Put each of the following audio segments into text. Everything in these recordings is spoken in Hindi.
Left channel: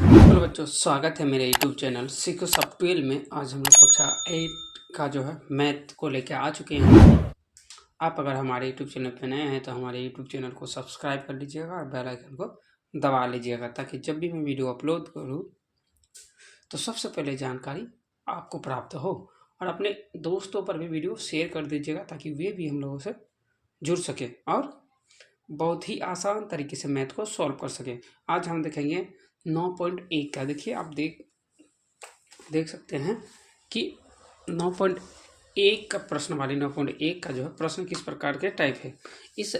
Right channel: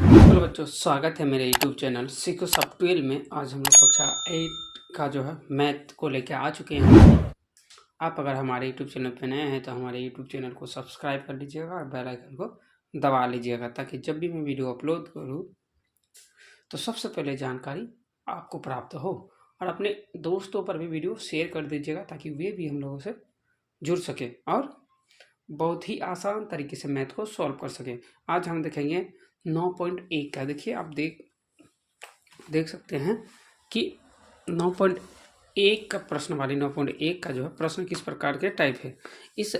हेलो बच्चों, स्वागत है मेरे यूट्यूब चैनल सीखो सॉफ्टवेयर में। आज हम लोग कक्षा 8 का जो है मैथ को लेकर आ चुके हैं। आप अगर हमारे यूट्यूब चैनल पे नए हैं तो हमारे यूट्यूब चैनल को सब्सक्राइब कर लीजिएगा और बेल आइकन को दबा लीजिएगा, ताकि जब भी मैं वीडियो अपलोड करूँ तो सबसे पहले जानकारी आपको प्राप्त हो। और अपने दोस्तों पर भी वीडियो शेयर कर दीजिएगा ताकि वे भी हम लोगों से जुड़ सके और बहुत ही आसान तरीके से मैथ को सॉल्व कर सकें। आज हम देखेंगे 9.1 का। देखिए, आप देख सकते हैं कि 9.1 का प्रश्न वाली 9.1 का जो है प्रश्न किस प्रकार के टाइप है। इस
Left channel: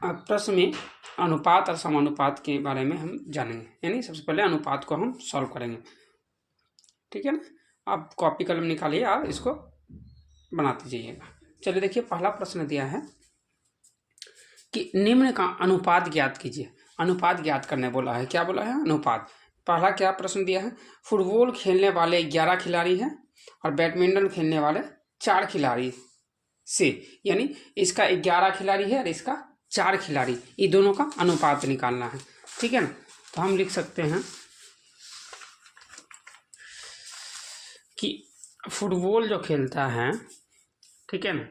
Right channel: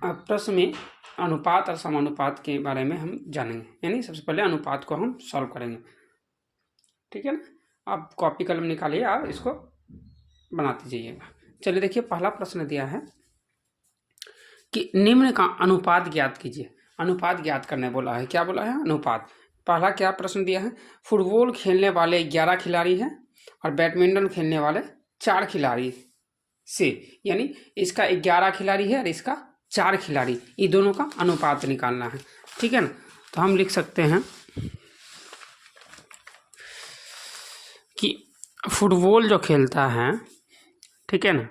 प्रश्न में अनुपात और समानुपात के बारे में हम जानेंगे, यानी सबसे पहले अनुपात को हम सॉल्व करेंगे। ठीक है ना, आप कॉपी कलम निकालिए और इसको बनाते जाइएगा। चलिए देखिए, पहला प्रश्न दिया है कि निम्न का अनुपात ज्ञात कीजिए। अनुपात ज्ञात करने बोला है। क्या बोला है? अनुपात। पहला क्या प्रश्न दिया है? फुटबॉल खेलने वाले 11 खिलाड़ी हैं और बैडमिंटन खेलने वाले 4 खिलाड़ी से, यानी इसका 11 खिलाड़ी है और इसका 4 खिलाड़ी, ये दोनों का अनुपात निकालना है। ठीक है ना, तो हम लिख सकते हैं कि फुटबॉल जो खेलता है, ठीक है ना,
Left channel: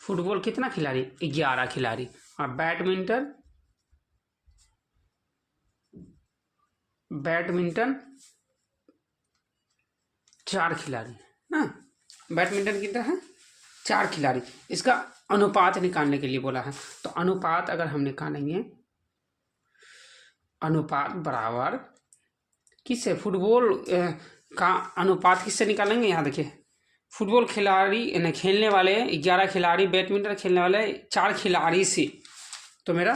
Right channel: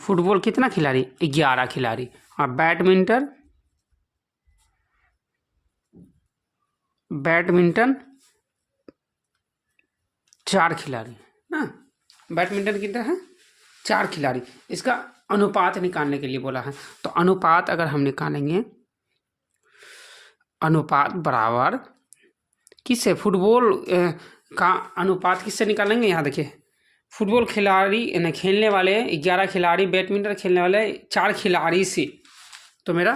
फुटबॉल कितना खिलाड़ी? 11 खिलाड़ी। और बैडमिंटन 4 खिलाड़ी ना। बैडमिंटन कितना है? 4 खिलाड़ी। इसका अनुपात निकालने के लिए बोला है। तो अनुपात अगर हम निकालेंगे, अनुपात बराबर किससे? फुटबॉल का अनुपात किससे निकालेंगे? यहाँ देखिए, फुटबॉल खिलाड़ी खेलने वाले 11 खिलाड़ी, बैडमिंटन खेलने वाले 4 खिलाड़ी से, तो मेरा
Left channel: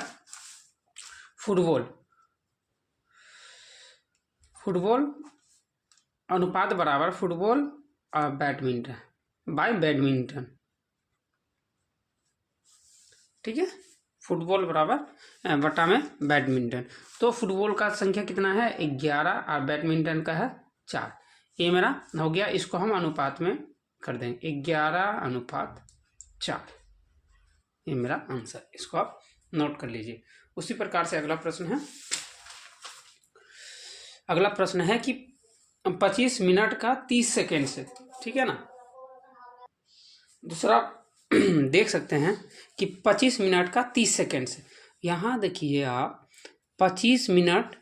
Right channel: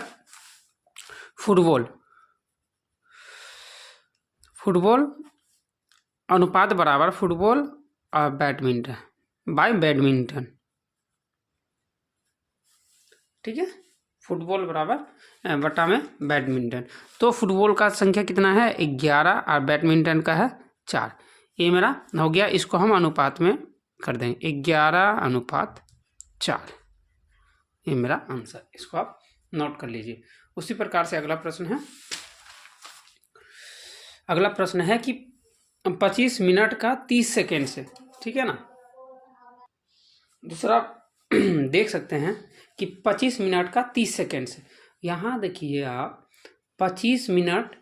फुटबॉल अनुपात बराबर फुटबॉल और बैडमिंटन बाय बैडमिंटन। ठीक है, फुटबॉल बराबर बटा में बैडमिंटन। तो फुटबॉल का संख्या कितना है? 11 और बैडमिंटन का है 4। ये मेरा हो गया। इसको हम अनुपात में कर देंगे, 11:4। ये मेरा आंसर। इसको आप नोट कर लीजिए। उसी प्रकार से अगला प्रश्न है कि 25 मिनट का 30 सेकेंड से। ठीक है ना, दूसरा देख सकते हैं कि 25 मिनट का 30 सेकेंड से। यहाँ देखिए आप, 25 मिनट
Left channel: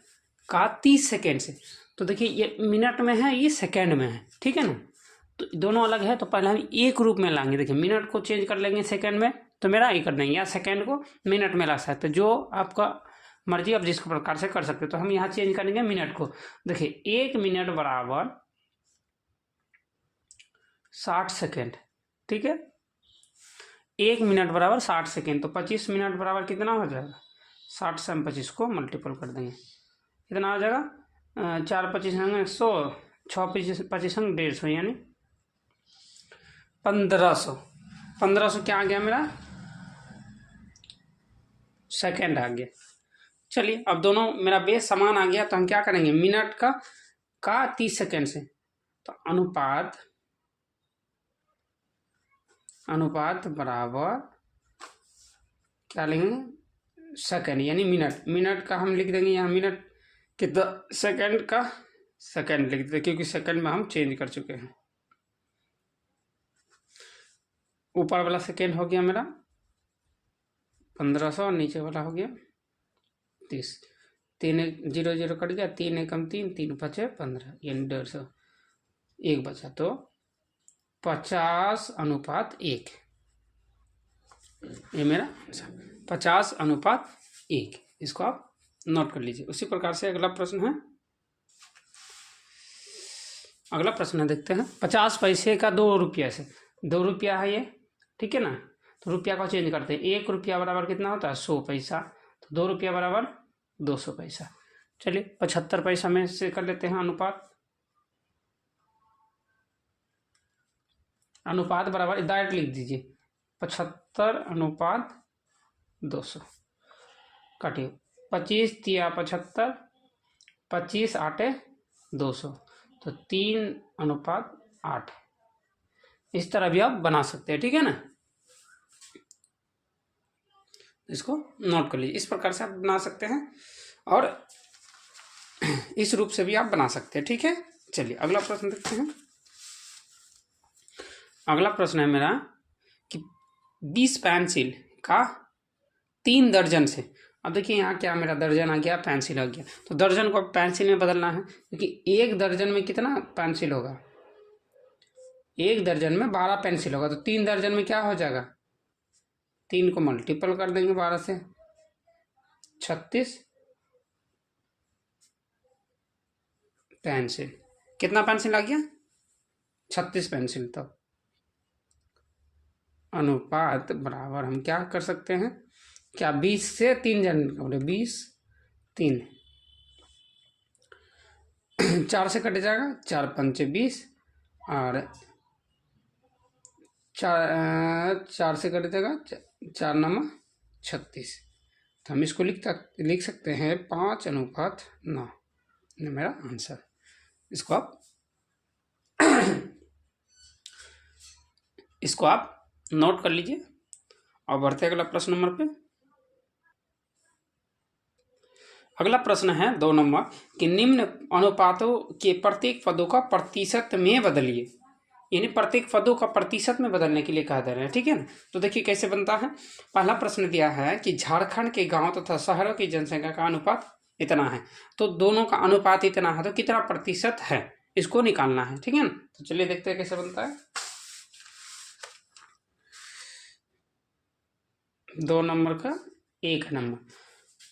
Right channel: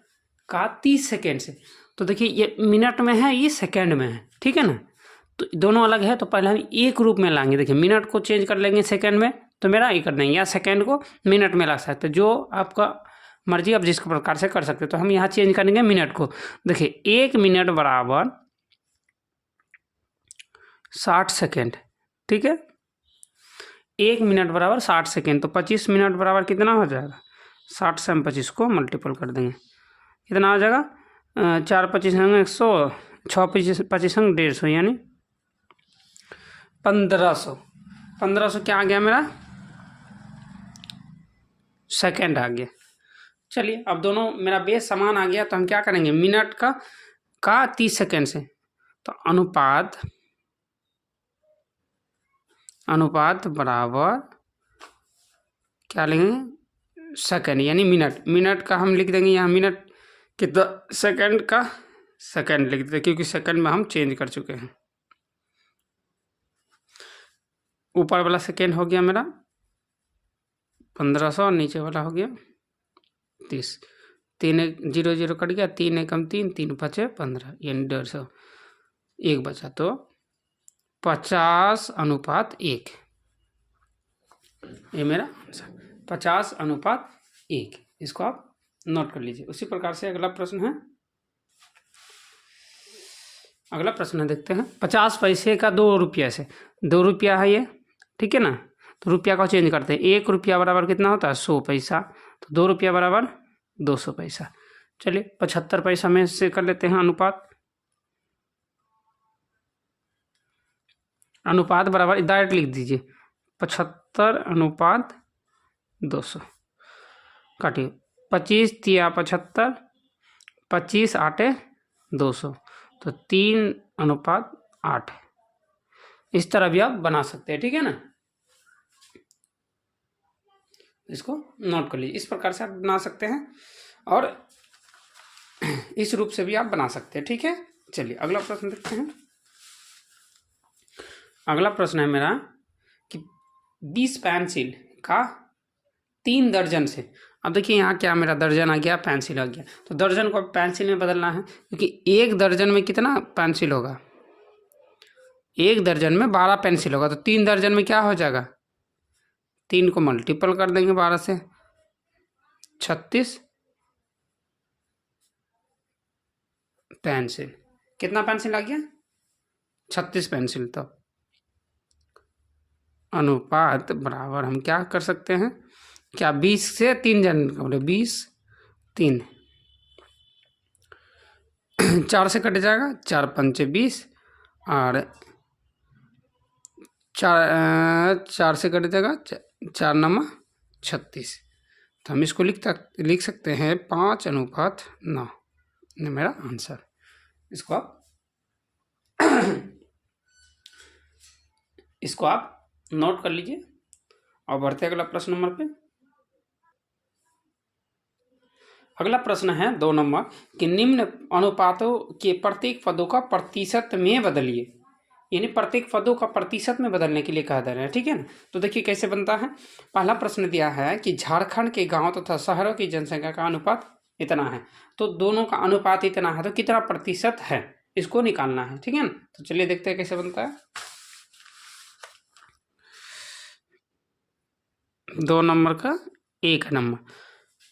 का 30 सेकेंड से, तो देखिए ये मिनट में है, ये सेकेंड में है। ठीक है ना, तो दोनों अलग है, तो पहले हम एक रूप में लाएंगे। देखिए, मिनट को चेंज कर लेंगे सेकेंड में, तो मेरा ये कर देंगे, या सेकेंड को मिनट में ला सकते, जो आपका मर्जी, आप जिस प्रकार से कर सकते। तो हम यहाँ चेंज करेंगे मिनट को। देखिए, 1 मिनट बराबर 60 सेकेंड। ठीक है, 1 मिनट बराबर 60 सेकेंड। तो 25 मिनट बराबर कितना हो जाएगा? 60 से हम 25 को मल्टीपल कर देंगे, कितना हो जाएगा? 4 25 100, 6 25 150, यानी 1500। 1500 क्या आ गया मेरा? सेकेंड आ गया। चलिए, अब दोनों मेरा बेस समान आ गया, तो हम क्या करेंगे? मिनट का 30 सेकेंड से, तो अनुपात बराबर क्या लेंगे? सेकेंड, यानी मिनट का हम लिख देंगे यहाँ, मिनट कितना? सेकेंड का सेकेंड लिख देते, क्योंकि सेकेंड में हम चेंज कर चुके हैं। ऊपर वाला सेकेंड हो गया मेरा 1500, नीचे वाला हो गया 30। 3 0 0 कट गया, 3 एकम 3, 3 5 15, यानी 150। 1 बचा, तो 50:1। ये मेरा आंसर 50:1। इसको आप नोट कर लीजिए। उसी प्रकार से अगला प्रश्न देखते हैं। 50 पैसे का 2 रुपया से, 2 रुपया है ये। ठीक है ना, तो रुपया को चेंज करते हैं। 1 रुपया बराबर कितना होता है? 100 पैसा। तो 2 रुपया बराबर 200 पैसा। चलिए, 75 पैसा में से कर लेते हैं अनुपात। अनुपात बराबर डायरेक्ट लिख दीजिए, 75:200। काटिए, 25 तिया 75, 25 8 200, तो 3:8। इस तरह भी आप बना सकते हैं। ठीक है ना, इसको नोट कर लीजिए। इस प्रकार से आप बना सकते हैं और इस रूप से भी आप बना सकते हैं। ठीक है, चलिए अगला प्रश्न देखते हैं। अगला प्रश्न है मेरा कि 20 पेंसिल का 3 दर्जन से, अब देखिए यहाँ क्या मेरा दर्जन आ गया, पेंसिल आ गया, तो दर्जन को पेंसिल में बदलना है, क्योंकि एक दर्जन में कितना पेंसिल होगा, एक दर्जन में 12 पेंसिल होगा, तो 3 दर्जन में क्या हो जाएगा, 3 को मल्टीपल कर देंगे 12 से, 36 पेंसिल। कितना पेंसिल आ गया, 36 पेंसिल। तो अनुपात बराबर हम क्या कर सकते हैं, क्या 20 से 3 जन बोले, 20 3 4 से कट जाएगा, 4 पंचे 20 और 4 से कट जाएगा, 4 नम 36। तो हम इसको लिख सकते हैं 5:9, ये मेरा आंसर। इसको आप नोट कर लीजिए और बढ़ते अगला प्रश्न नंबर पे। अगला प्रश्न है 2 नंबर कि निम्न अनुपातों के प्रत्येक पदों का प्रतिशत में बदलिए, यानी प्रत्येक पदों का प्रतिशत में बदलने के लिए कहा जा रहा है। ठीक है ना, तो देखिए कैसे बनता है। पहला प्रश्न दिया है कि झारखंड के गांव तथा शहरों की जनसंख्या का अनुपात इतना है, तो दोनों का अनुपात इतना है, तो कितना प्रतिशत है इसको निकालना है। ठीक है ना, तो चलिए देखते हैं कैसे बनता है। 2 नंबर का 1 नंबर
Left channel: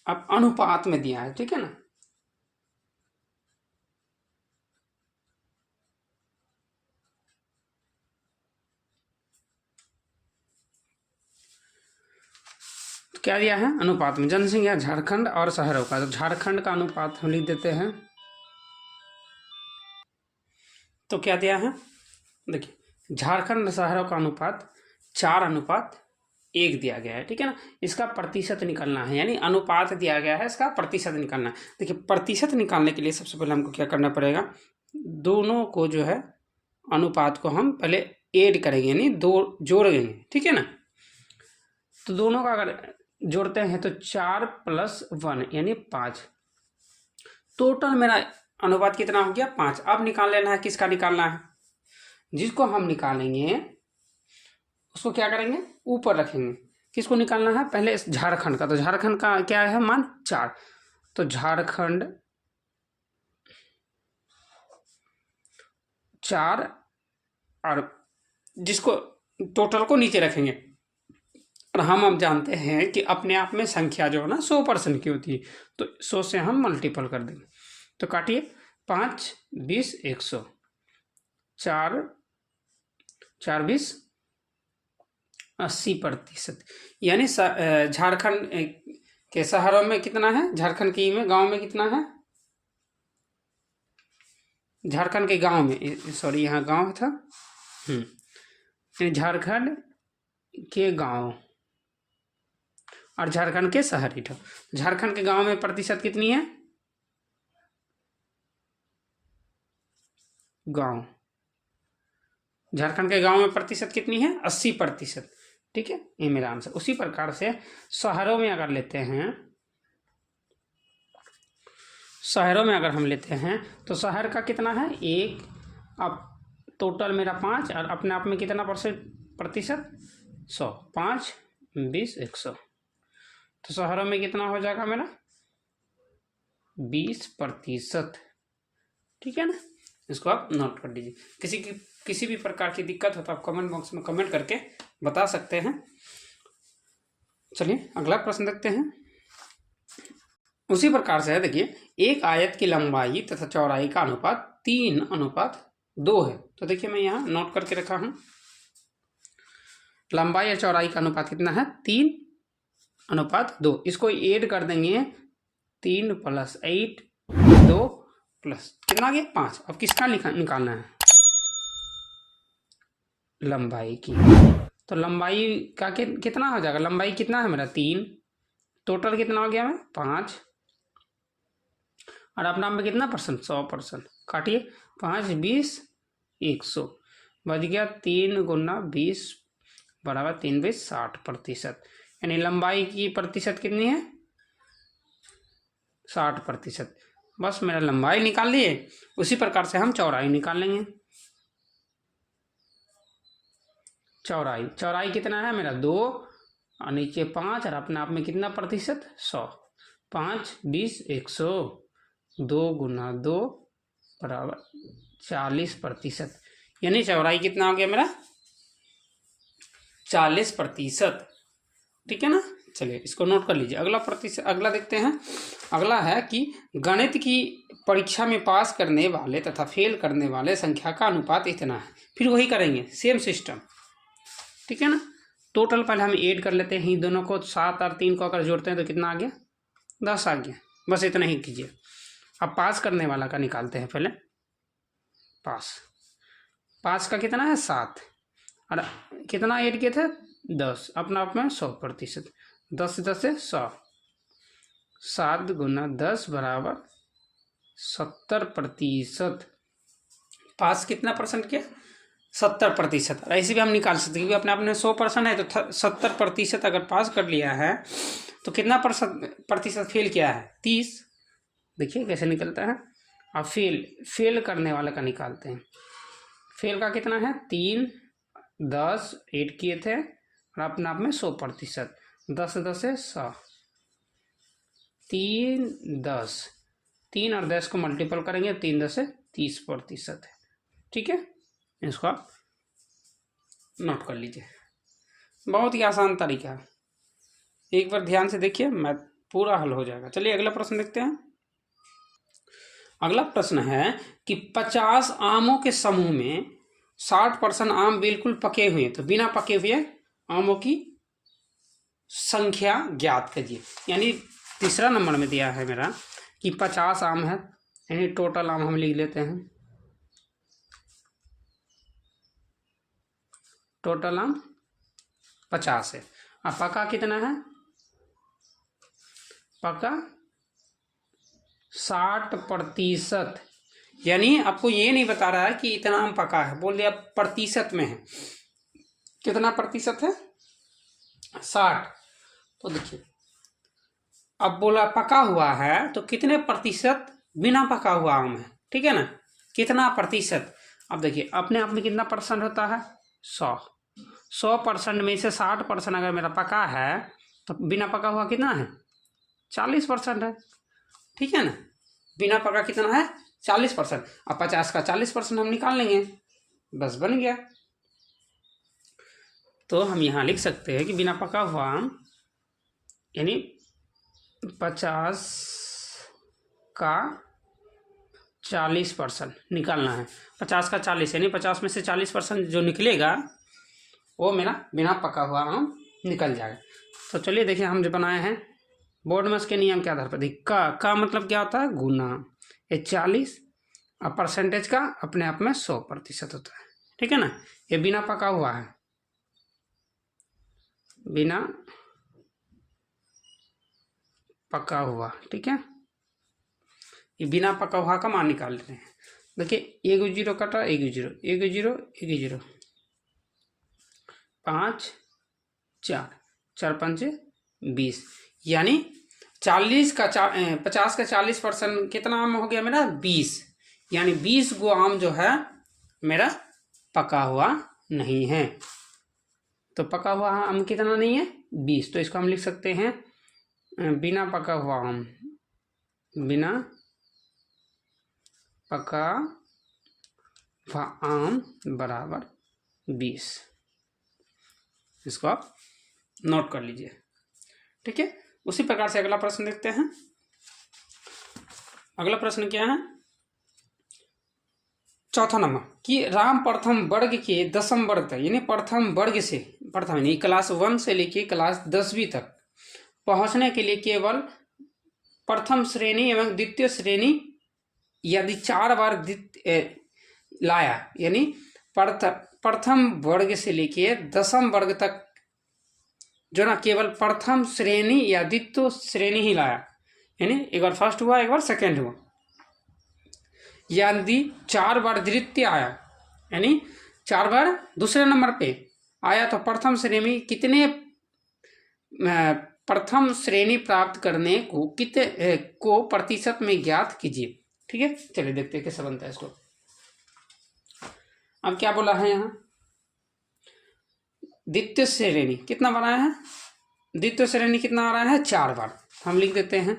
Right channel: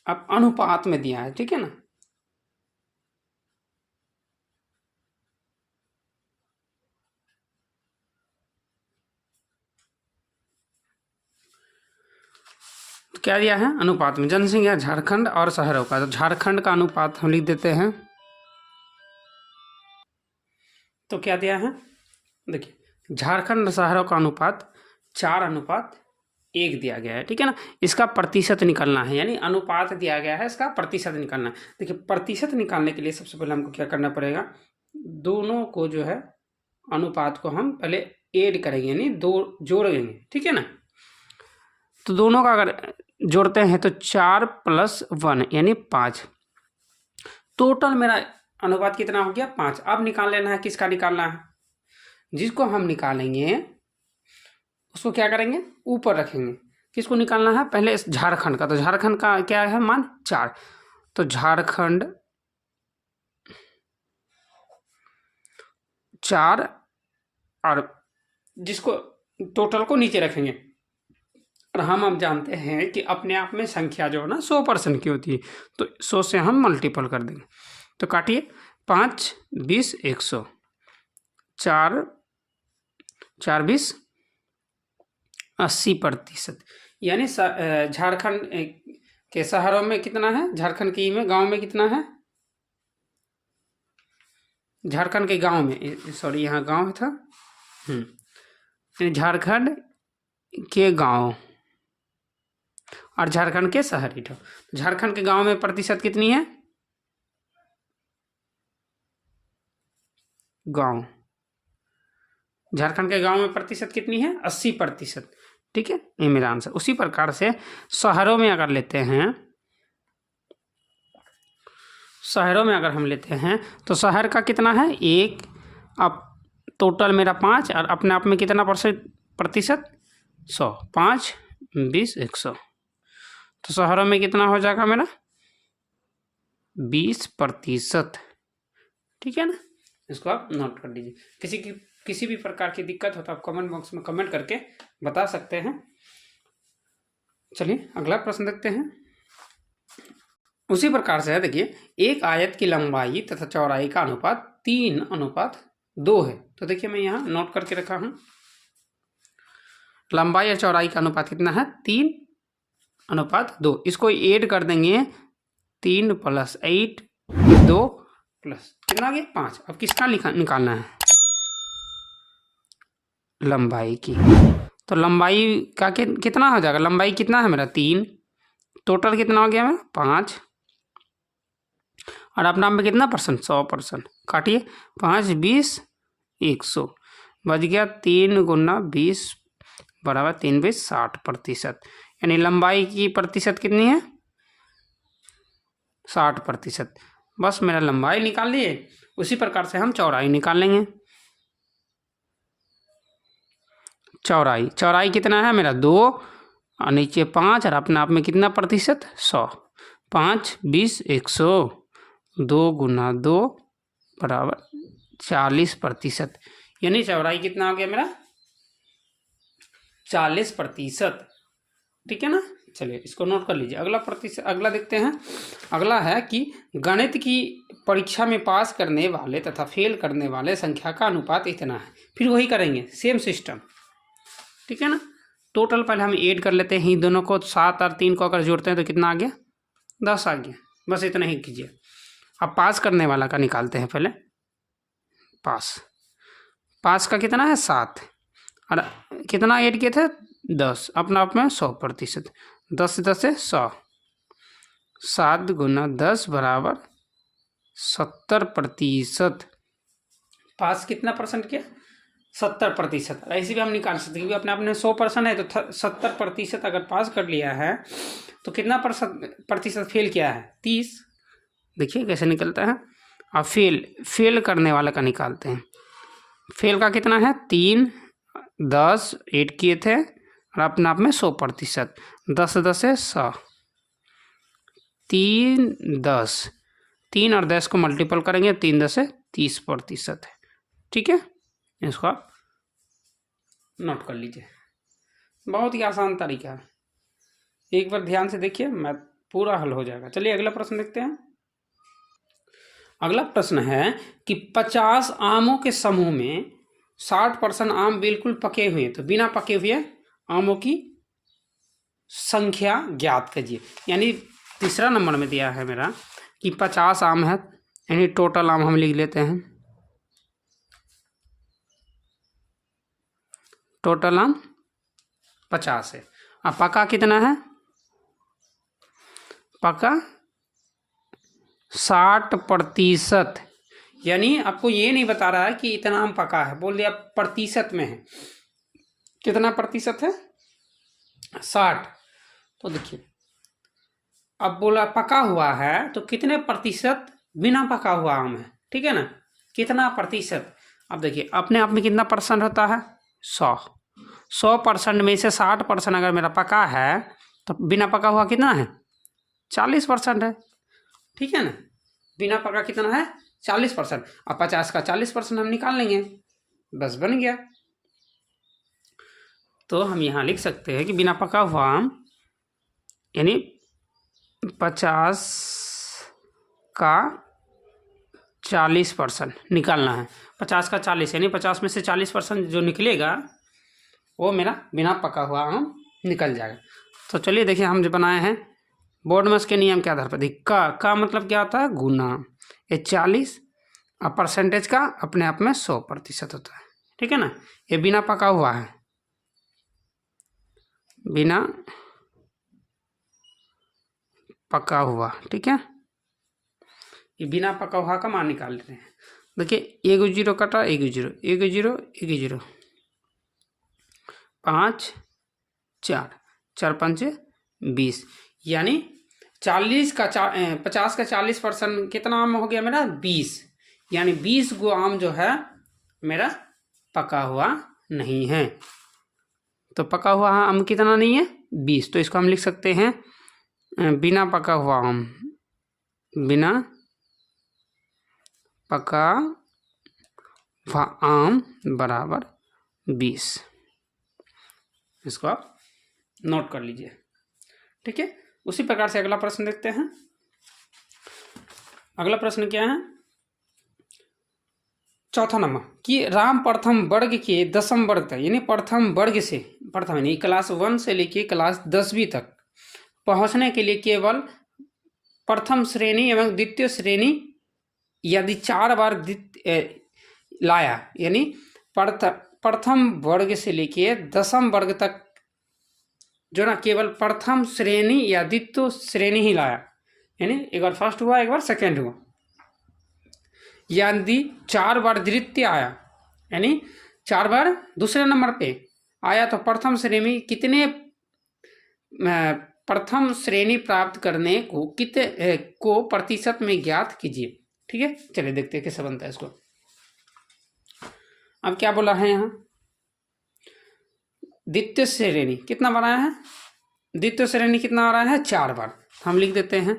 अब अनुपात में दिया है। ठीक है ना, तो क्या दिया है, अनुपात में जनसंख्या झारखंड और शहरों का, तो झारखंड का अनुपात हम लिख देते हैं। तो क्या दिया है, देखिए झारखंड और शहरों का अनुपात 4:1 दिया गया है। ठीक है ना, इसका प्रतिशत निकालना है, यानी अनुपात दिया गया है, इसका प्रतिशत निकालना है। देखिए प्रतिशत निकालने के लिए सबसे पहले हमको क्या करना पड़ेगा, दोनों को जो है अनुपात को हम पहले ऐड करेंगे, यानी 2 जोड़ेंगे। ठीक है ना, तो दोनों का अगर जोड़ते हैं तो 4 + 1 यानी 5, टोटल मेरा अनुपात कितना हो गया, 5। अब निकाल लेना है, किसका निकालना है, जिसको हम निकालेंगे उसको क्या करेंगे, ऊपर रखेंगे। किसको निकालना है, पहले इस झारखंड का, तो झारखंड का क्या है मान 4, तो झारखंड 4 और जिसको टोटल को नीचे रखेंगे। और हम अब जानते हैं कि अपने आप में संख्या जो है ना 100% की होती है, तो 100 से हम मल्टीपल कर देंगे। तो काटिए, 5 20 100, 4 4 20 80%, यानी झारखंड के शहरों में कितना है, झारखंड के में गांव में कितना है, झारखंड के गांव में, सॉरी यहाँ गांव था, झारखंड के गांव और झारखंड के शहरी था। झारखंड के गांव में प्रतिशत कितनी है, गांव, झारखंड के गांव में प्रतिशत कितनी है, 80%। ठीक है, ये मेरा आंसर। उसी प्रकार से शहरों में अगर लेते हैं, शहरों में अगर हम लेते हैं तो शहर का कितना है 1, अब टोटल मेरा 5 और अपने आप में कितना प्रतिशत 100, 5 20 100, तो शहरों में कितना हो जाएगा मेरा 20%। ठीक है ना, इसको आप नोट कर लीजिए। किसी भी प्रकार की दिक्कत हो तो आप कमेंट बॉक्स में कमेंट करके बता सकते हैं। चलिए अगला प्रश्न देखते हैं। उसी प्रकार से है, देखिए एक आयत की लंबाई तथा चौड़ाई का अनुपात 3:2 है। तो देखिए मैं यहाँ नोट करके रखा हूँ, लंबाई और चौड़ाई का अनुपात कितना है 3:2। इसको ऐड कर देंगे, 3 + 8 2 प्लस कितना आ गया 5। अब किसका निकालना है, लंबाई की। तो लंबाई का कितना हो जाएगा, लंबाई कितना है मेरा 3, टोटल कितना हो गया मेरा 5, और अपना में कितना परसेंट 100%। काटिए, 5 20 100 बच गया, 3 × 20 = 3 20 60%। यानी लंबाई की प्रतिशत कितनी है 60%। बस मेरा लंबाई निकाल लिए, उसी प्रकार से हम चौड़ाई निकाल लेंगे। चौड़ाई कितना है मेरा 2 और नीचे 5 और अपने आप में कितना प्रतिशत 100। 5 20 100, 2 गुना 2 बराबर 40%। यानी चौड़ाई कितना हो गया मेरा 40%। ठीक है ना। चलिए इसको नोट कर लीजिए। अगला देखते हैं। अगला है कि गणित की परीक्षा में पास करने वाले तथा फेल करने वाले संख्या का अनुपात इतना है। फिर वही करेंगे, सेम सिस्टम। ठीक है ना। टोटल पहले हम ऐड कर लेते हैं दोनों को, 7 और 3 को अगर जोड़ते हैं तो कितना आ गया 10 आ गया। बस इतना ही कीजिए। अब पास करने वाला का निकालते हैं पहले। पास का कितना है 7 और कितना ऐड किए थे 10, अपना आप में 100%। 10 से 10 से 100, 7 गुना 10 बराबर 70%। पास कितना परसेंट किया 70%। और ऐसे भी हम निकाल सकते हैं क्योंकि अपने आपने 100% है तो 70% अगर पास कर लिया है तो कितना प्रतिशत फेल किया है 30। देखिए कैसे निकलता है। अब फेल करने वाला का निकालते हैं। फेल का कितना है 3 10 ऐड किए थे और अपने आप में 100%। 10 से 10 से 100, 3 10, 3 और 10 को मल्टीपल करेंगे 3 10 से 30% है। ठीक है, इसको आप नोट कर लीजिए। बहुत ही आसान तरीका है, एक बार ध्यान से देखिए, मैथ पूरा हल हो जाएगा। चलिए अगला प्रश्न देखते हैं। अगला प्रश्न है कि 50 आमों के समूह में 60% आम बिल्कुल पके हुए, तो बिना पके हुए आमों की संख्या ज्ञात कीजिए। यानी तीसरा नंबर में दिया है मेरा कि 50 आम है, यानी टोटल आम हम लिख लेते हैं। टोटल आम 50 है। अब पका कितना है, पका 60%। यानी आपको ये नहीं बता रहा है कि इतना आम पका है, बोल दिया प्रतिशत में है। कितना प्रतिशत है 60। तो देखिए अब बोला पका हुआ है तो कितने प्रतिशत बिना पका हुआ आम है। ठीक है ना, कितना प्रतिशत। अब देखिए अपने आप में कितना परसेंट होता है 100% में से 60% अगर मेरा पका है तो बिना पका हुआ कितना है 40% है। ठीक है ना, बिना पका कितना है 40%। अब 50 का 40% हम निकाल लेंगे, बस बन गया। तो हम यहाँ लिख सकते हैं कि बिना पका हुआ आम यानी 50 का 40% निकालना है। 50 का 40 यानी 50 में से 40% जो निकलेगा वो मेरा बिना पका हुआ आम निकल जाएगा। तो चलिए देखिए हम जो बनाए हैं बोर्डमस के नियम के आधार पर। का मतलब क्या होता है गुना, ये 40 और परसेंटेज का अपने आप में 100% होता है। ठीक है ना, ये बिना पका हुआ है, बिना पका हुआ। ठीक है, ये बिना पका हुआ का मान निकाल लेते हैं। देखिए 1 0 कटा, 1 0 1 0 1 0, 5 4 4 5 20, यानी 50 का 40% कितना आम हो गया मेरा 20। यानी 20 गो आम जो है मेरा पका हुआ नहीं है। तो पका हुआ आम कितना नहीं है 20। तो इसको हम लिख सकते हैं बिना पका हुआ आम, बिना पका हुआ आम बराबर 20। इसको आप नोट कर लीजिए। ठीक है, उसी प्रकार से अगला प्रश्न देखते हैं। अगला प्रश्न क्या है, चौथा नंबर कि राम प्रथम वर्ग के दसम वर्ग तक, यानी प्रथम वर्ग से प्रथम यानी क्लास 1 से लेके क्लास 10वीं तक पहुंचने के लिए केवल प्रथम श्रेणी एवं द्वितीय श्रेणी यदि 4 बार लाया, यानी प्रथम वर्ग से लेके दसम वर्ग तक जो ना केवल प्रथम श्रेणी या द्वितीय श्रेणी ही लाया, यानी एक बार फर्स्ट हुआ एक बार सेकेंड हुआ, यदि 4 बार द्वितीय आया यानी 4 बार दूसरे नंबर पे आया तो प्रथम श्रेणी में कितने प्रथम श्रेणी प्राप्त करने को कितने को प्रतिशत में ज्ञात कीजिए। ठीक है, चलिए देखते हैं कैसे बनता है इसको। अब क्या बोला है यहाँ, द्वितीय श्रेणी कितना बनाया है, द्वितीय श्रेणी कितना आ रहा है 4 बार। हम लिख देते हैं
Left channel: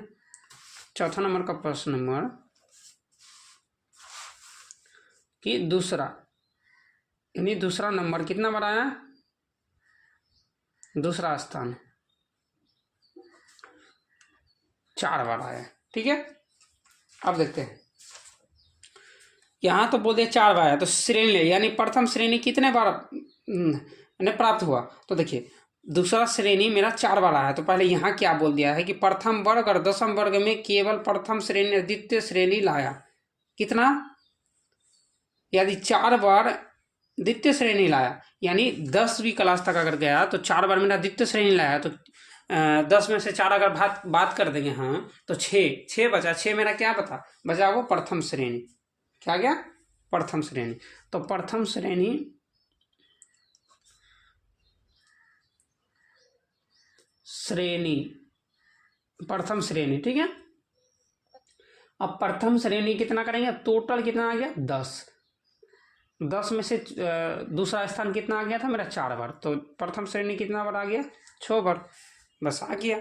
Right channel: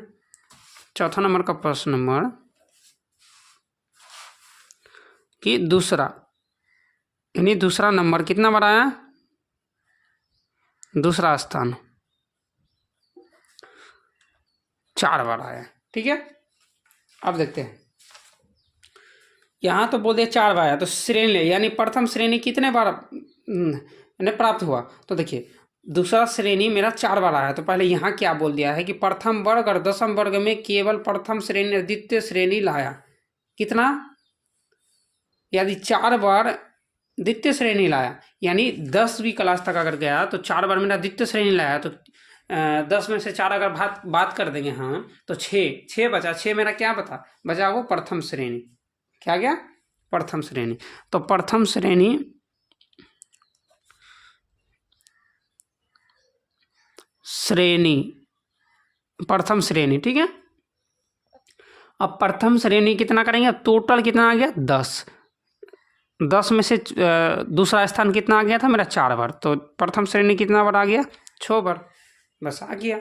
चौथा नंबर का प्रश्न नंबर कि दूसरा, यानी दूसरा नंबर कितना बनाया, दूसरा स्थान 4 बार आया। ठीक है, अब देखते हैं, यहां तो बोल दिया 4 बार आया, तो श्रेणी यानी प्रथम श्रेणी कितने बार प्राप्त हुआ। तो देखिए दूसरा श्रेणी मेरा 4 बार आया, तो पहले यहाँ क्या बोल दिया है कि प्रथम वर्ग और दशम वर्ग में केवल प्रथम श्रेणी और द्वितीय श्रेणी लाया। कितना, यदि 4 बार द्वितीय श्रेणी लाया, यानी 10वीं क्लास तक अगर गया तो 4 बार मेरा द्वितीय श्रेणी लाया, तो 10 में से 4 अगर बात कर देंगे हाँ तो 6 बचा। 6 मेरा क्या बचा वो प्रथम श्रेणी, क्या गया प्रथम श्रेणी। तो प्रथम श्रेणी प्रथम श्रेणी, ठीक है। अब प्रथम श्रेणी कितना करेंगे, टोटल कितना आ गया 10 में से दूसरा स्थान कितना आ गया था मेरा 4 बार, तो प्रथम श्रेणी कितना बार आ गया 6 बार, बस आ गया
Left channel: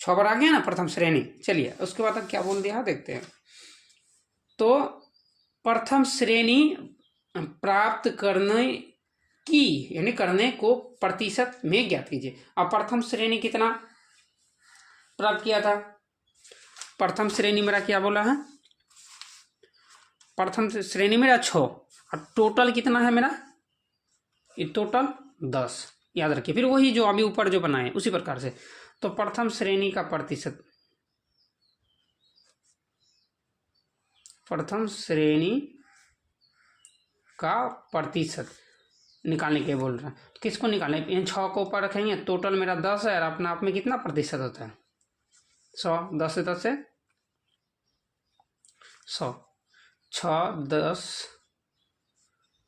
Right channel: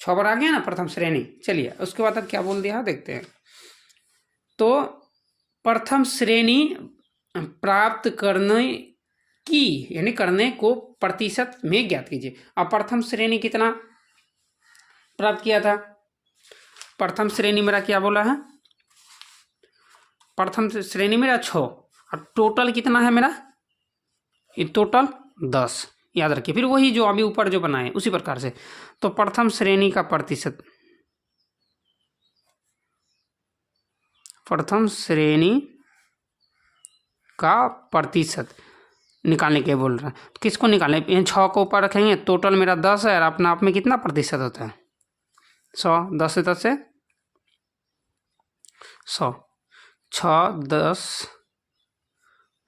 6 बार आ गया ना प्रथम श्रेणी। चलिए उसके बाद अब क्या बोल दिया देखते हैं। तो प्रथम श्रेणी प्राप्त करने की यानी करने को प्रतिशत में ज्ञात कीजिए। अब प्रथम श्रेणी कितना प्राप्त किया था, प्रथम श्रेणी मेरा क्या बोला है, प्रथम श्रेणी मेरा 6 और टोटल कितना है मेरा, ये टोटल 10, याद रखिए। फिर वही जो अभी ऊपर जो बनाए उसी प्रकार से। तो प्रथम श्रेणी का प्रतिशत, प्रथम श्रेणी का प्रतिशत निकालने के बोल रहा है। तो किसको निकालने, इन 6 को ऊपर रखेंगे, टोटल मेरा 10 है और अपना आप में कितना प्रतिशत होता है 100, 10 से 10 से 100, 6, 10,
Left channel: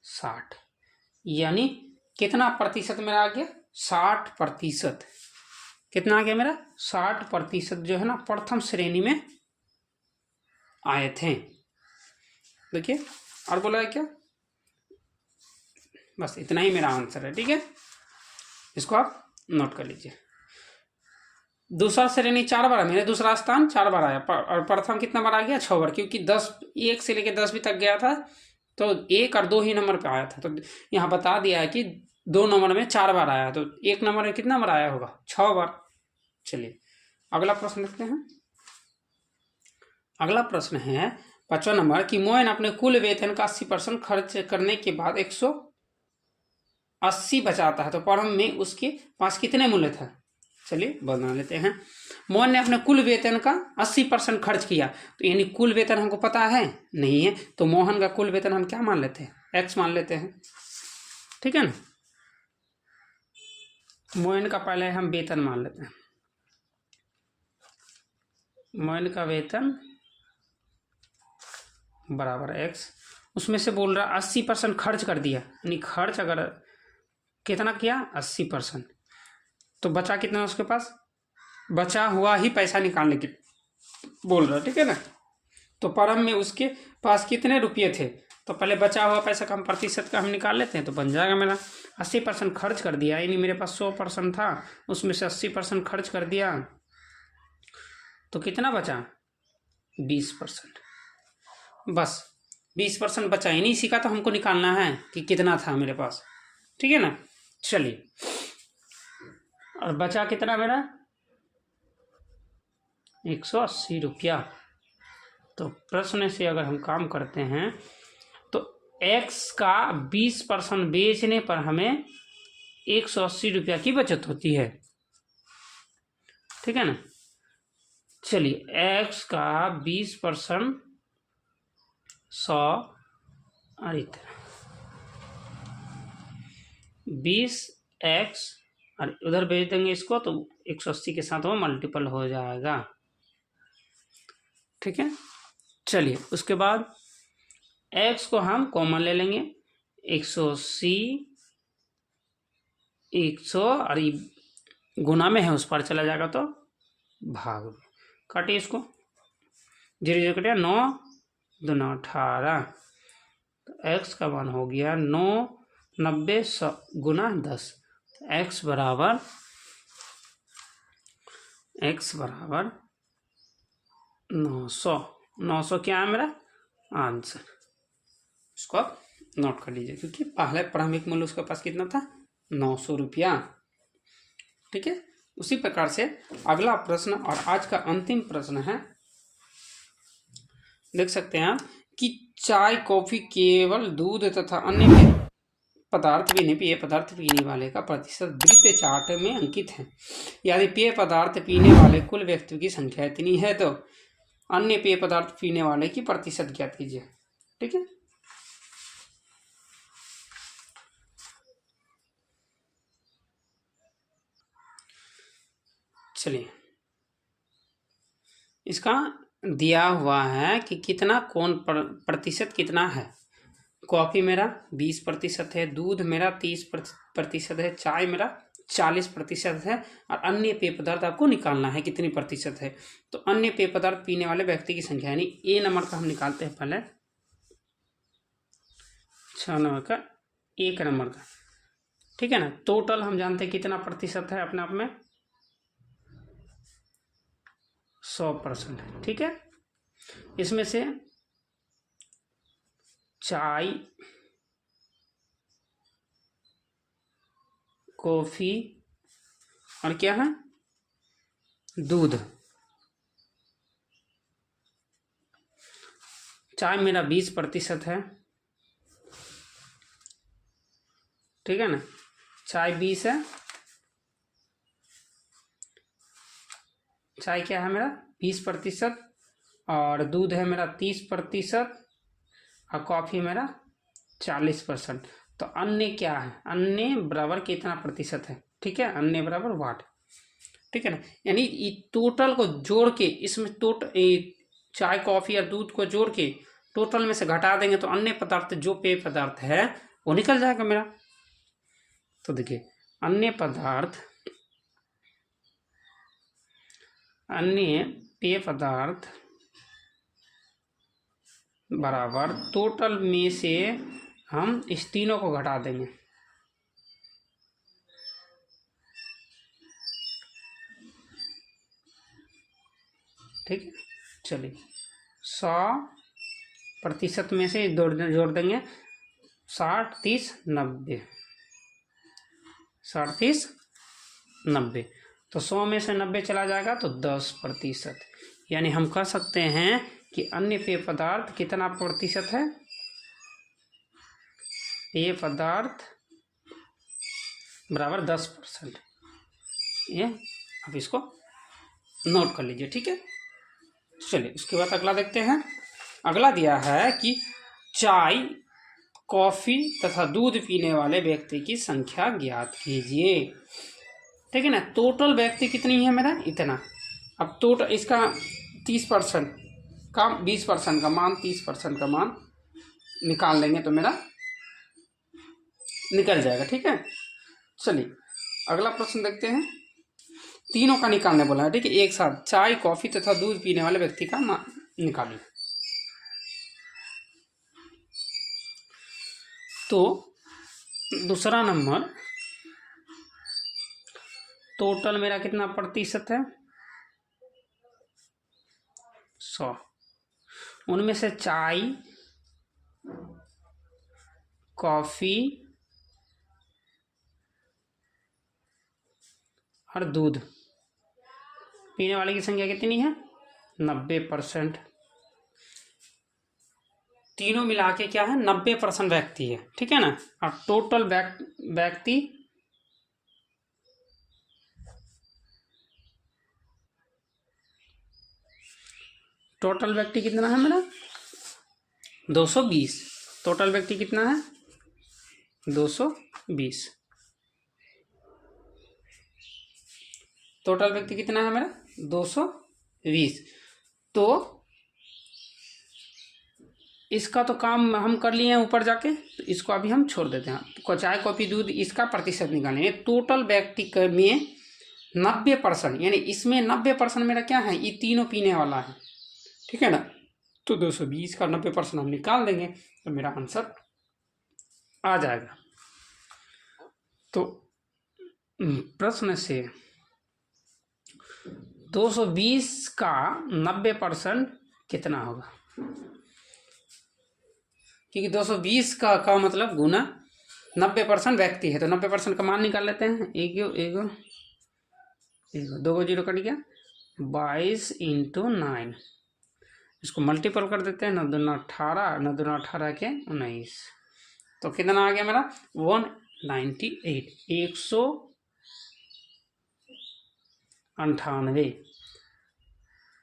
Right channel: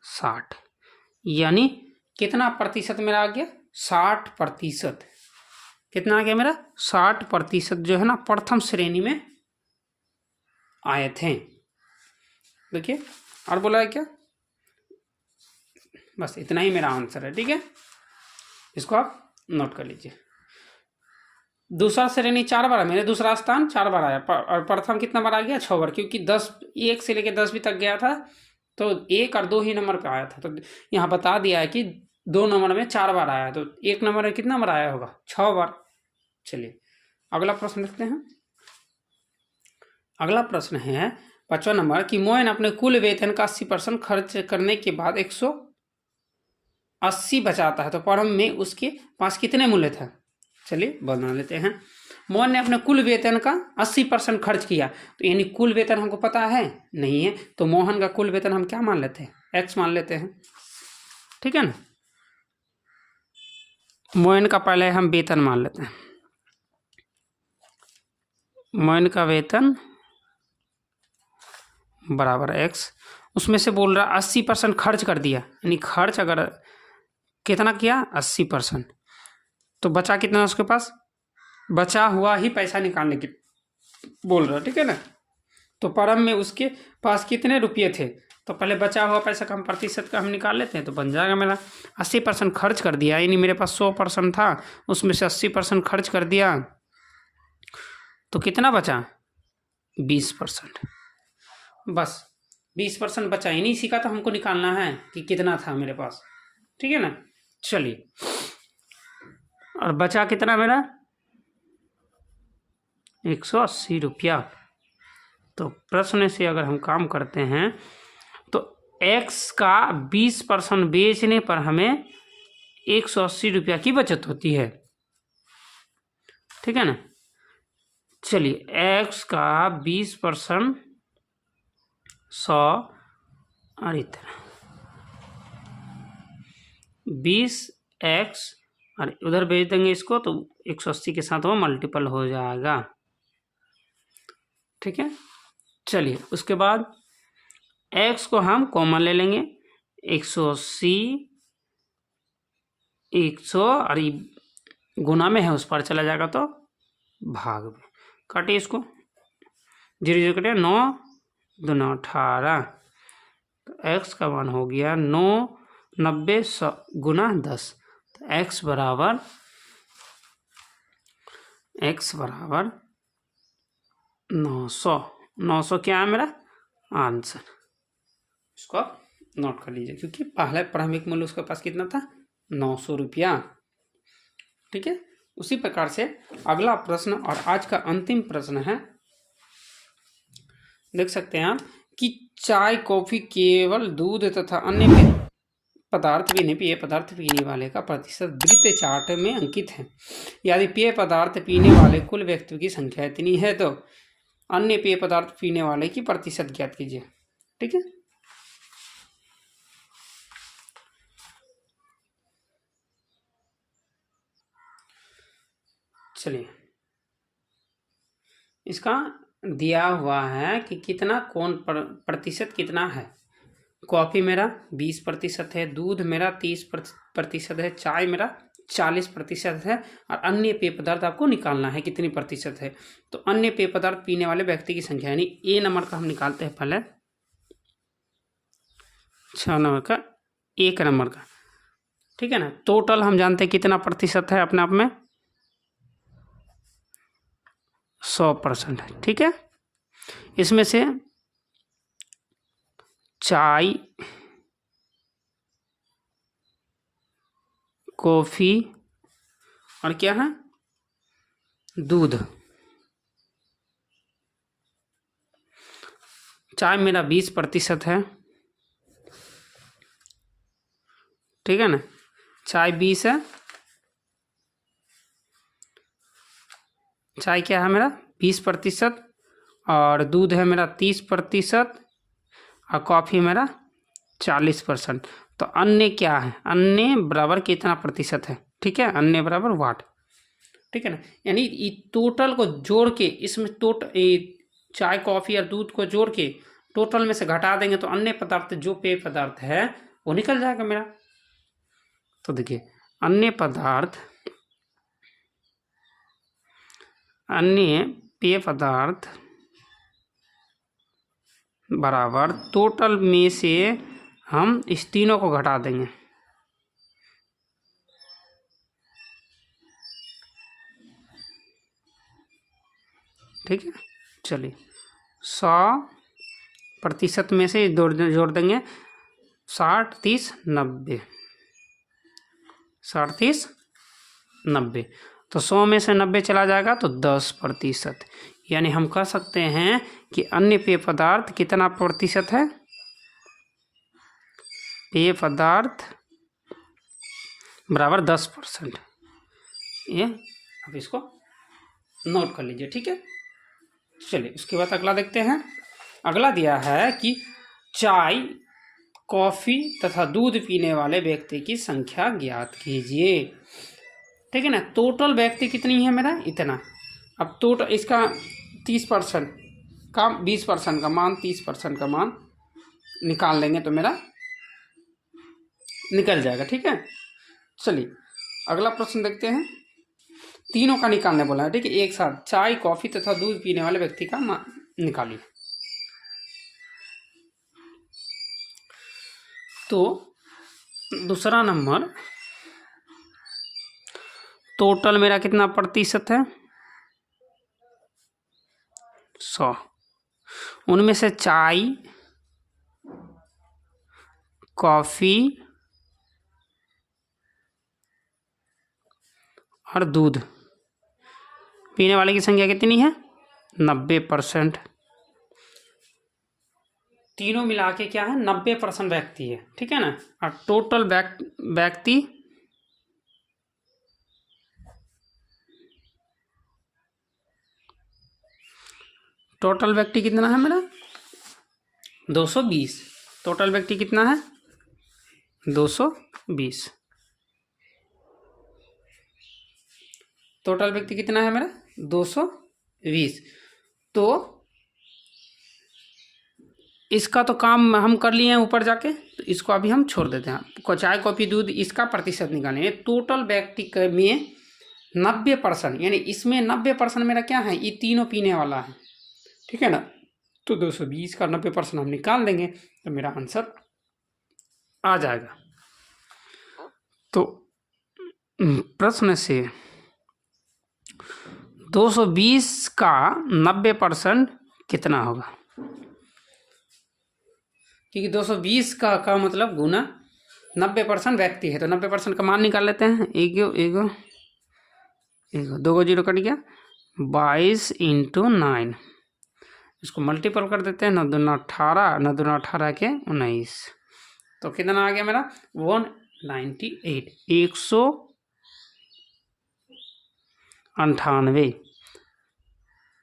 60, यानी कितना प्रतिशत मेरा आ गया 60%। कितना आ गया मेरा 60% जो है ना प्रथम श्रेणी में आए थे। देखिए और बोला है क्या, बस इतना ही मेरा आंसर है। ठीक है, इसको आप नोट कर लीजिए। दूसरा श्रेणी 4 बार, मेरे दूसरा स्थान 4 बार आया और प्रथम कितना बार आ गया 6 बार, क्योंकि 1 से लेकर 10वीं तक गया था तो 1 और 2 ही नंबर पे आया था। तो यहाँ बता दिया है कि 2 नंबर में 4 बार आया, तो 1 नंबर में कितना बार आया होगा 6 बार। चलिए अगला प्रश्न देखते हैं। अगला प्रश्न है 5वां नंबर कि मोहन अपने कुल वेतन का 80% खर्च करने के बाद 180 बचाता है, तो प्रारंभ में उसके पास कितने मूल्य थे। चलिए बना लेते हैं। मोहन ने अपने कुल वेतन का 80% खर्च किया, तो यानी कुल वेतन हमको पता है नहीं है, तो मोहन का कुल वेतन हम क्या मान लेते हैं, x मान लेते हैं। ठीक है ना, मोहन का पहले हम वेतन मान लेते हैं। मोहन का वेतन बराबर x, उसमें से बोल रहा 80% खर्च कर दिया, यानी खर्च अगर कितना किया 80%, तो बचा कितना उसके पास, बचा हुआ ही पैसा निकालने की बोल रहा है। ठीक है ना, तो प्रारंभ में उसके पास कितने रुपये थे, तो पहले बचा हुआ पैसा का हम प्रतिशत का हम निकाल लेते हैं, तो बन जाएगा मेरा 80% खर्च कर दिया, यानी मेरे पास 100% था, उसमें से 80% खर्च कर दिया, तो कितना बचा 20%, बस 20% बचा, यानी इसी का तो हमको निकालना है कि कितना था मेरे पास। ठीक है ना, चलिए और बचा कितना मेरा 180 रुपया। तो प्रश्न से अगर हम काम करते हैं तो x का 20% बेचने पर हमें 180 रुपया की बचत होती है। ठीक है ना, चलिए x का 20% 100 और इतना 20x और उधर भेज देंगे इसको, तो 180 के साथ वो मल्टीपल हो जाएगा। ठीक है, चलिए उसके बाद x को हम कॉमन ले लेंगे, 180 100 और गुना में है उस पर चला जाएगा तो भाग में। काटिए इसको, 0 0 कटिए, 9 दूना 18, तो x का मान हो गया 9 90 100 गुना 10, तो x बराबर 900। 900 क्या है मेरा आंसर। इसको आप नोट कर लीजिए, क्योंकि पहले प्रारंभिक मूल्य उसके पास कितना था, 900 रुपया। ठीक है, उसी प्रकार से अगला प्रश्न और आज का अंतिम प्रश्न है, देख सकते हैं आप कि चाय कॉफी केवल दूध तथा अन्य पदार्थ भी नहीं, पेय पदार्थ पीने वाले का प्रतिशत वृत्त चार्ट में अंकित है। यदि पेय पदार्थ पीने वाले कुल व्यक्तियों की संख्या इतनी है तो अन्य पेय पदार्थ पीने वाले की प्रतिशत ज्ञात कीजिए। ठीक है, चलिए इसका दिया हुआ है कि कितना कौन प्रतिशत कितना है। कॉफ़ी मेरा 20% है, दूध मेरा 30% है, चाय मेरा 40% है, और अन्य पेय पदार्थ आपको निकालना है कितनी प्रतिशत है। तो अन्य पेय पदार्थ पीने वाले व्यक्ति की संख्या, यानी ए नंबर का हम निकालते हैं पहले, 6 नंबर का, 1 नंबर का। ठीक है ना, टोटल हम जानते हैं कितना प्रतिशत है अपने आप में 100% है। ठीक है, इसमें से चाय कॉफ़ी और क्या है दूध, चाय मेरा 20% है। ठीक है ना, चाय 20 है, चाय क्या है मेरा 20%, और दूध है मेरा 30%, और कॉफ़ी मेरा 40%। तो अन्य क्या है, अन्य बराबर कितना प्रतिशत है। ठीक है, अन्य बराबर वाट। ठीक है ना, यानी टोटल को जोड़ के, इसमें चाय कॉफ़ी और दूध को जोड़ के टोटल में से घटा देंगे तो अन्य पदार्थ जो पेय पदार्थ है वो निकल जाएगा मेरा। तो देखिए, अन्य पेय पदार्थ बराबर टोटल में से हम इस तीनों को घटा देंगे। ठीक है, चलिए 100% में से जोड़ देंगे 60 30 90, 60 30 90, तो 100 में से 90 चला जाएगा तो 10%। यानी हम कह सकते हैं कि अन्य पेय पदार्थ कितना प्रतिशत है, पेय पदार्थ बराबर 10%। ये आप इसको नोट कर लीजिए। ठीक है, चलिए इसके बाद अगला देखते हैं। अगला दिया है कि चाय कॉफ़ी तथा दूध पीने वाले व्यक्ति की संख्या ज्ञात कीजिए। ठीक है ना, टोटल व्यक्ति कितनी है मेरा इतना। अब टोटल इसका 30% का 20% का मान 30% का मान निकाल लेंगे तो मेरा निकल जाएगा। ठीक है, चलिए अगला प्रश्न देखते हैं। तीनों का निकालने बोला है। ठीक है, एक साथ चाय कॉफ़ी तथा दूध पीने वाले व्यक्ति का मान निकालिए। तो दूसरा नंबर, टोटल मेरा कितना प्रतिशत है 100, उनमें से चाय कॉफ़ी और दूध पीने वाले की संख्या कितनी है 90%। तीनों मिला के क्या है 90% व्यक्ति है। ठीक है ना, अब टोटल व्यक्ति कितना है मेरा 220। टोटल व्यक्ति कितना है 220। टोटल व्यक्ति कितना है मेरा 220। तो इसका तो काम हम कर लिए हैं ऊपर जाके, तो इसको अभी हम छोड़ देते हैं। चाय कॉफ़ी दूध इसका प्रतिशत निकालेंगे। टोटल व्यक्ति में 90%, यानी इसमें 90% मेरा क्या है, ये तीनों पीने वाला है, ठीक है ना। तो 220 का 90% हम निकाल देंगे तो मेरा आंसर आ जाएगा। तो प्रश्न से 220 का 90% कितना होगा, क्योंकि 220 का मतलब गुना 90% व्यक्ति है, तो 90% का मान निकाल लेते हैं। एगो 2 जीरो कट गया, 22 × 9, इसको मल्टीपल कर देते हैं, 9 दूना 18, 9 दूना 18 के 19, तो कितना आ गया मेरा 198, 198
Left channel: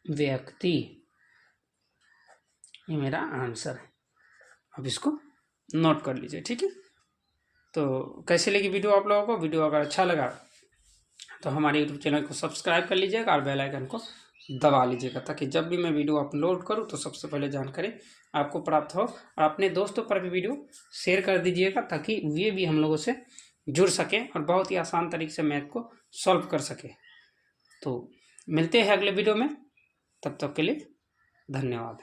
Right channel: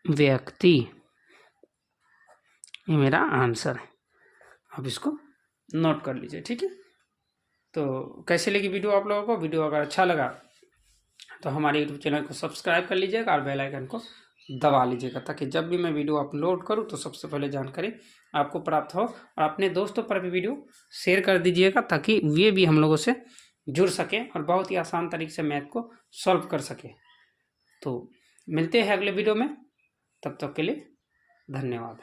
व्यक्ति, ये मेरा आंसर है। अब इसको नोट कर लीजिए, ठीक है। तो कैसे लगी वीडियो आप लोगों को? वीडियो अगर अच्छा लगा तो हमारे यूट्यूब चैनल को सब्सक्राइब कर लीजिएगा और बेल आइकन को दबा लीजिएगा, ताकि जब भी मैं वीडियो अपलोड करूं तो सबसे पहले जानकारी आपको प्राप्त हो। और अपने दोस्तों पर भी वीडियो शेयर कर दीजिएगा, ताकि वे भी हम लोगों से जुड़ सकें और बहुत ही आसान तरीके से मैथ को सॉल्व कर सके। तो मिलते हैं अगले वीडियो में, तब तक के लिए धन्यवाद।